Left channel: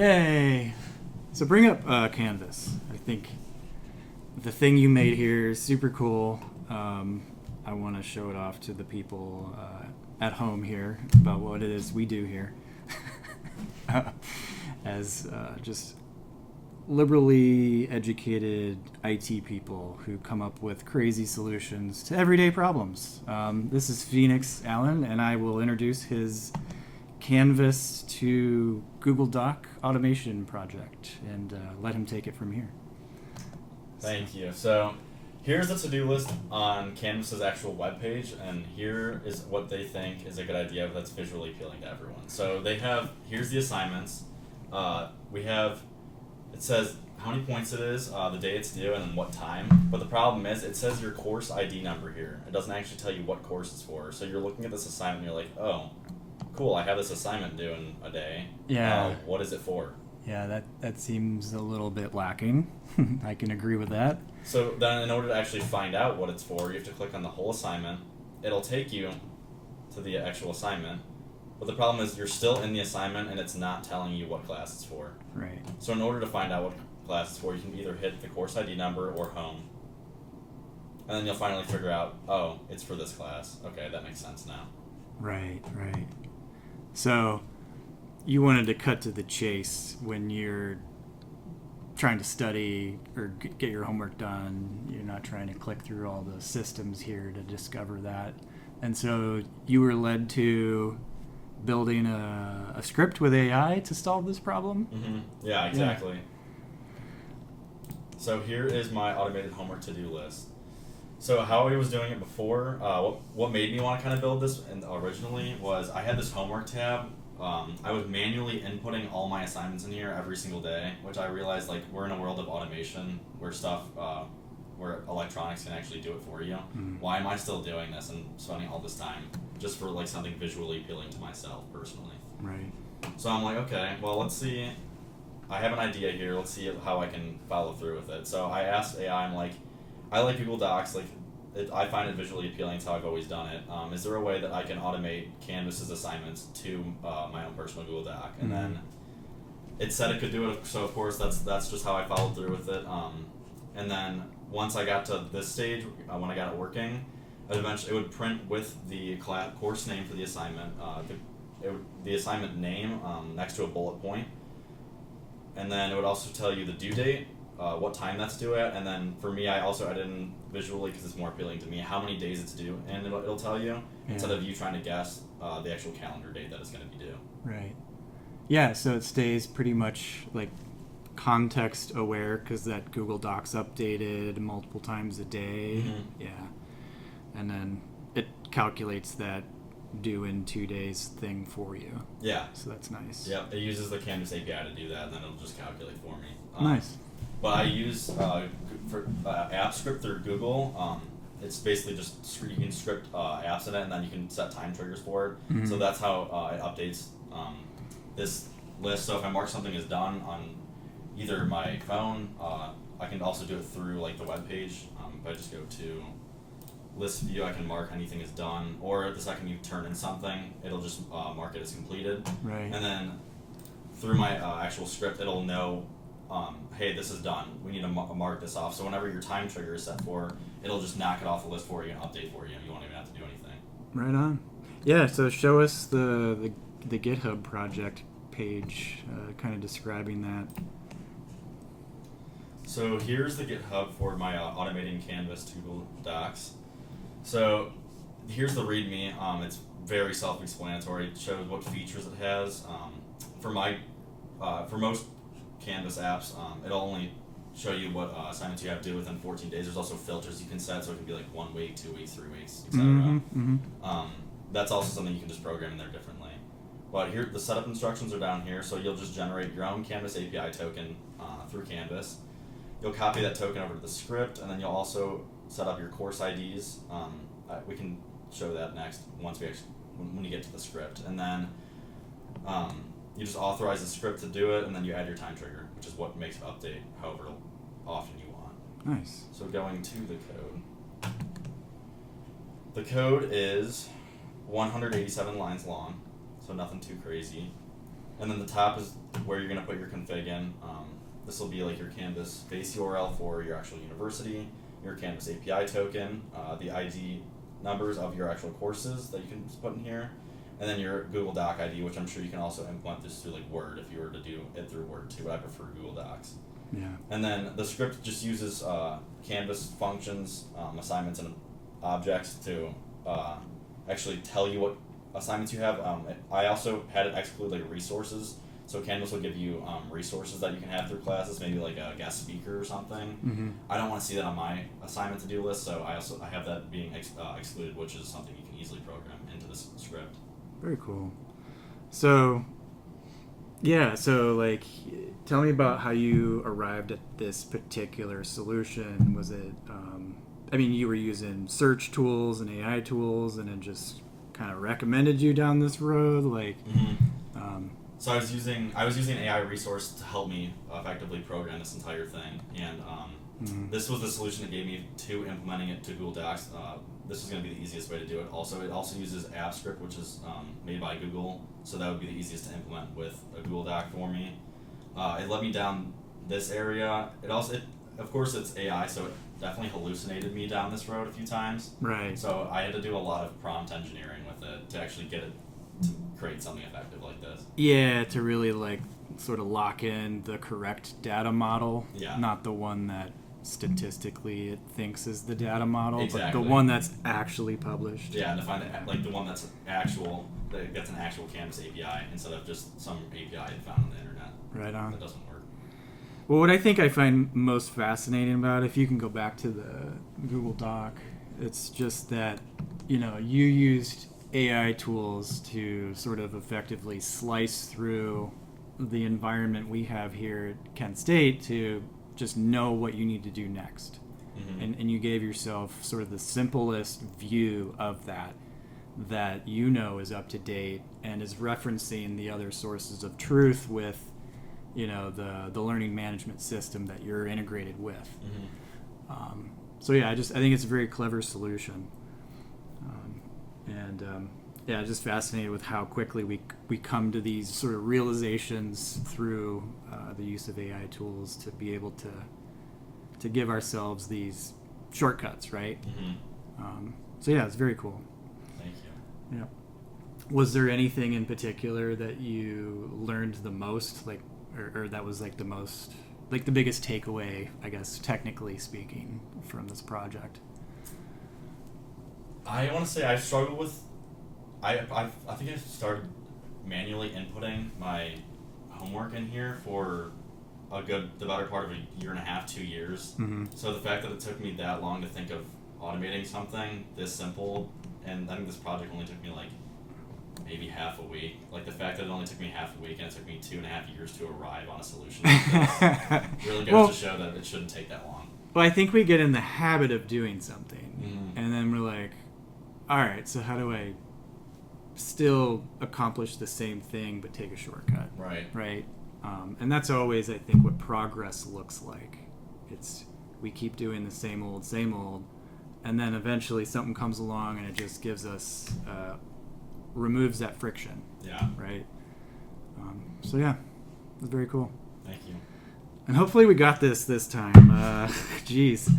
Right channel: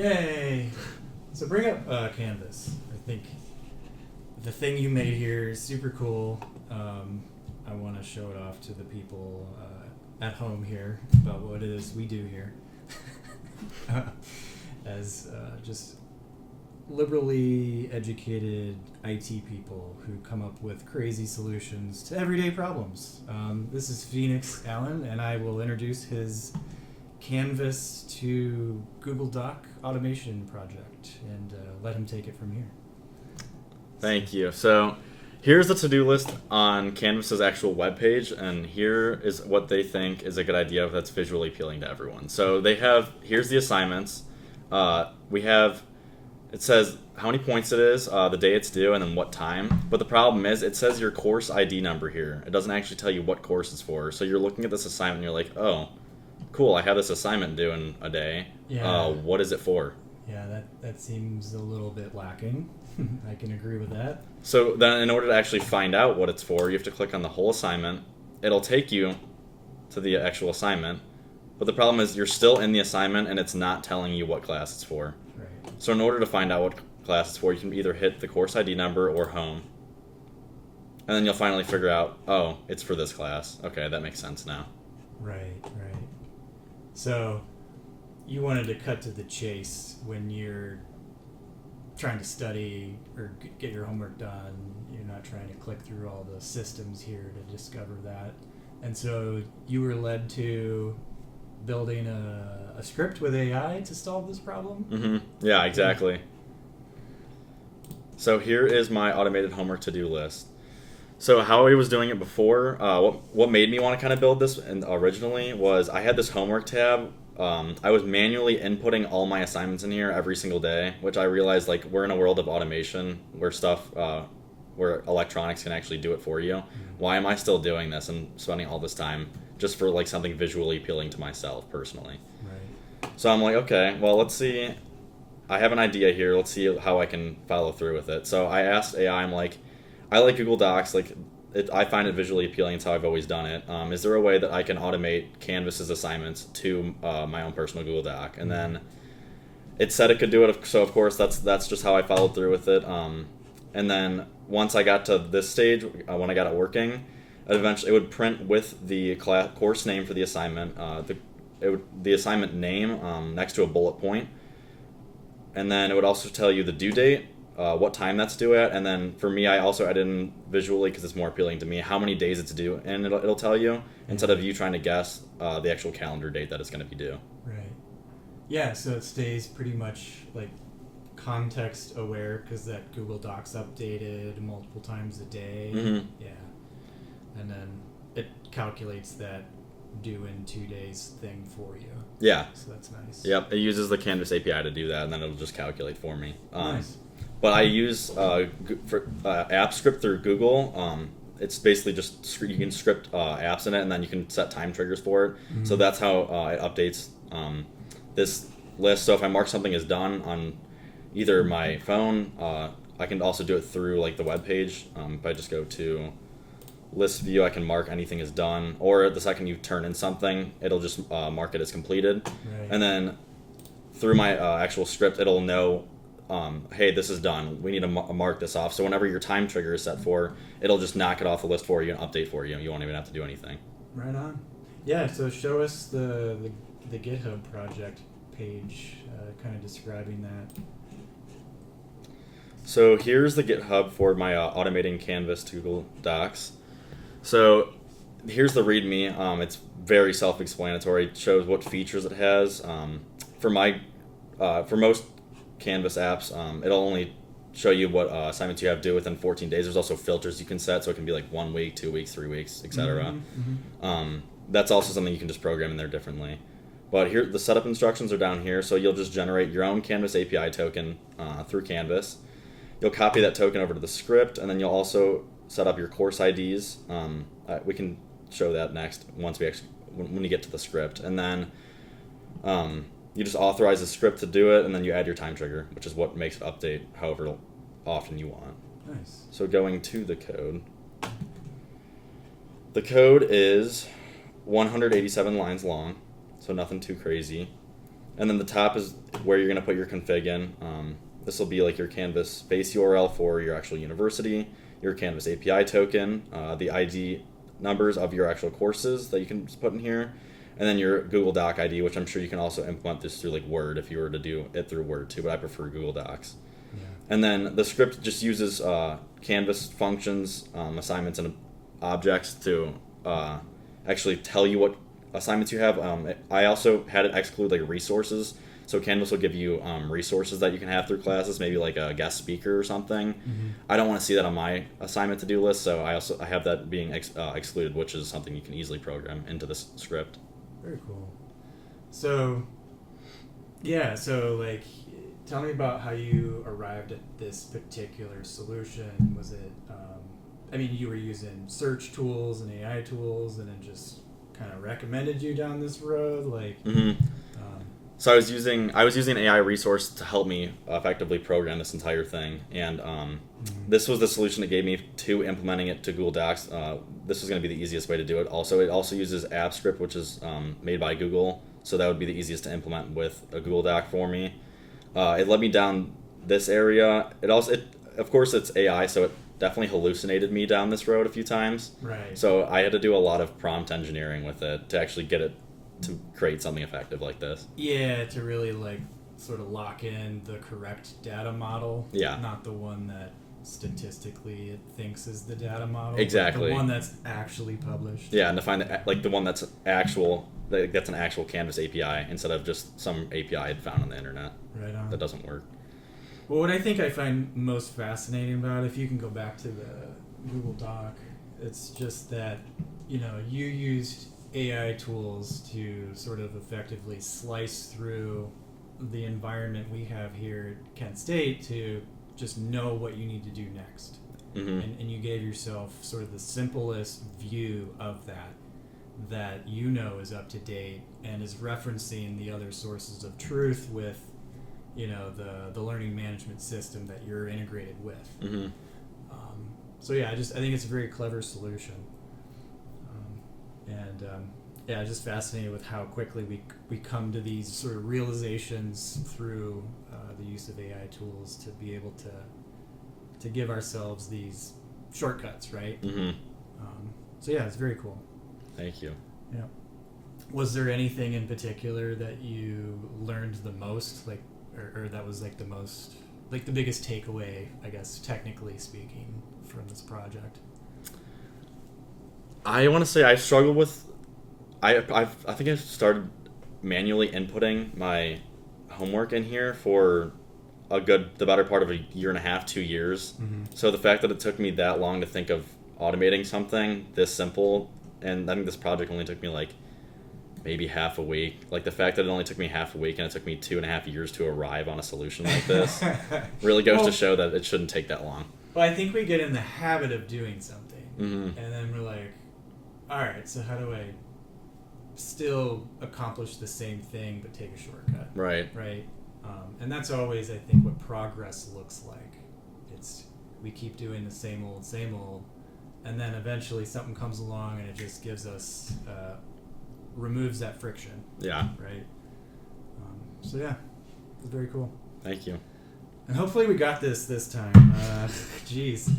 Yay! So bring up Canvas. I think the thing you made here is super cool. I want to show it off to the people at home here about what it is we do here as just liberally educated IT people who come up with crazy solutions to everyday problems. This is Phoenix Allen, and I will introduce his Canvas to Google Doc automation project and let him take it from here. Thank you. So here's the to-do list on Canvas's actual webpage, and here is what they think is a good idea that's visually appealing to everyone. So here's the assignments. It says how many points it is, the day it's due, and then what time. But the problem is it says your course ID number here. It doesn't actually tell you what course it's for. So you're looking at this assignment and you're like, oh, cool, I have this assignment due in a day. Yeah. What is it for? Yeah, that seems a little bit lacking. I can agree with that. So then in order to actually find out what it's for, you have to click on the whole assignment. It'll take you to the actual assignment. But the problem is you're still in the assignment and it's not telling you what class it's for. Right. So in order to find out what class it's for, you can either hit the course ID number or home. And then you'll finally figure out, oh, it's for this class. Okay, that makes sense now. Right. So you wanted to cut to the chase when you're trying to study or get your homework done. You're not trying to click through all the systems here to discover that. And so you were led to building a script with AI to solve this problem? Mm-hmm. Yeah, exactly. Yeah. So here is my automated homework to-do list. So how I was doing it before, what made me want to kind of build this originally was I had this homework tab. I was manually inputting all my assignments in here every single day, which I realized like we're in a world of automation where electronics can actually do it for you. Mm-hmm. Why am I still doing this and spending all this time just for like something visually appealing to myself personally? Right. So I'm like, okay, well, let's see. I have an idea here. Let's see how I can follow through with it. So I asked AI, I'm like, I like Google Docs. I find it visually appealing. It's how I've always done it. Is there a way that I can automate Canvas's assignments to my own personal Google Doc? And then it said it could do it. So of course that's just how I followed through with it. And then once I got to this stage, when I got it working, eventually it would print with the course name for the assignment, the assignment name next to a bullet point. And then it would also tell you the due date, what time that's due at, and then for me, I also added in visually, because it's more appealing to me, how many days it's due, and it'll tell you, instead of you trying to guess the actual calendar date that it's going to be due. Right. Yeah, so it stays pretty much like context aware, because that Google Docs updated multiple times a day. Mm-hmm. Yeah. And then it calculates that due in 2 days thing for you. Yeah. So that's nice. Yep, it uses the Canvas API to do that, and then it'll just calculate for me. Nice. But I use app script through Google. It's basically just you can script apps in it, and then you can set time triggers for it. Mm-hmm. So that's how it updates this list. So if I mark something as done on either my phone, I can also do it through like the web page. If I just go to list view, I can mark anything as done, or the second you turn in something, it'll just mark it as completed. Right. And then through my actual script, it'll know, hey, this is done. We need to mark this off. So whenever your time trigger is set for, it'll just knock it off the list for you and update for you, and you won't even have to do anything. Right on. Yeah, so show us the GitHub project page, kind of describing that. So here's the GitHub for my automating Canvas to Google Docs. So here's the README. It's very self-explanatory. It shows what features it has. For most Canvas apps, it'll only show you what assignments you have due within 14 days. There's also filters you can set, so it can be like 1 week, 2 weeks, 3 weeks, etc. Mm-hmm. That's also something you can just program in there differently. But here, the setup instructions are down here, so you'll just generate your own Canvas API token through Canvas. You'll copy that token over to the script, and then you'll also set up your course IDs. We can show that next when you get to the script. And then you just authorize the script to do it, and then you add your time trigger, which is what makes it update however often you want. Nice. So going to the code. The code is 187 lines long, so nothing too crazy. And then the top is where you're going to put your config in. This will be like your Canvas base URL for your actual university, your Canvas API token, the ID numbers of your actual courses that you can put in here, and then your Google Doc ID, which I'm sure you can also implement this through like Word if you were to do it through Word too, but I prefer Google Docs. Yeah. And then the script just uses Canvas functions, assignments, and objects to actually tell you what assignments you have. I also had it exclude like resources. So Canvas will give you resources that you can have through classes, maybe like a guest speaker or something. Mm-hmm. I don't want to see that on my assignment to-do list, so I have that being excluded, which is something you can easily program into this script. Very cool. So, yeah, so like, tell me about how you arrived at this particular solution. Was it, I mean, you were using search tools and AI tools, and it just kind of recommended you down this road, like. Mm-hmm. So I was using an AI resource to help me effectively program this entire thing, and this was the solution that gave me to implementing it to Google Docs. This was going to be the easiest way to do it. Also, it also uses AppScript, which is made by Google, so that would be the easiest to implement with a Google Doc for me. It led me down this area. Of course, it's AI, so it definitely hallucinated me down this road a few times. Right. So I had to do a lot of prompt engineering with it to actually get it to create something effective like this. Yeah, to really like sort of lock in the correct data model. Yeah. Not the one that statistically it thinks is the data model. Exactly. But the one that's actually published. Yeah, and to find like the one that's actual, that's an actual Canvas API instead of just some API I'd found on the internet. Right on. That doesn't work. Well, what I think I find most fascinating about it, if you can go back to the Google Doc, it's just that, you know, you used AI tools to sort of effectively slice through the environment we have here at Kent State to just know what you need to do next. Mm-hmm. And you gave yourself sort of the simplest view of that you know is up to date and is referencing the other sources of truth with, you know, the learning management system that you're integrated with. Mm-hmm. So yeah, I think it's a very clever solution. Yeah, just fascinated with how quickly we come to these sort of realizations through the use of AI tools to be able to give ourselves these shortcuts, right? Mm-hmm. So yeah, it's very cool. Thank you. Yeah. Was there anything in particular that you learned the most, like, or that was like the most, like the biggest takeaway, I guess, technically speaking, from this project? I want to say I struggled with. I think I started manually inputting my homework in here for the better part of a year and a half, 2 years. Mm-hmm. So the fact that it took me that long to think of automating something this simple, and I think this project only took me like maybe half a week. Like the fact that it only took me half a week and it took me 2.5 years to arrive on a solution like this really goes to show that it shouldn't take that long. Well, I think we get in the habit of doing something, Mm-hmm. and then we're like, all right, so how do I still accomplish the same thing but take a shortcut? Right. Right. And that's always, I think, what progress looks like. It's we keep doing the same old, and then eventually something comes along and it just gives us removes that friction. Yeah. Right. So yeah, it's very cool. Thank you. And hopefully we got this time. Geez.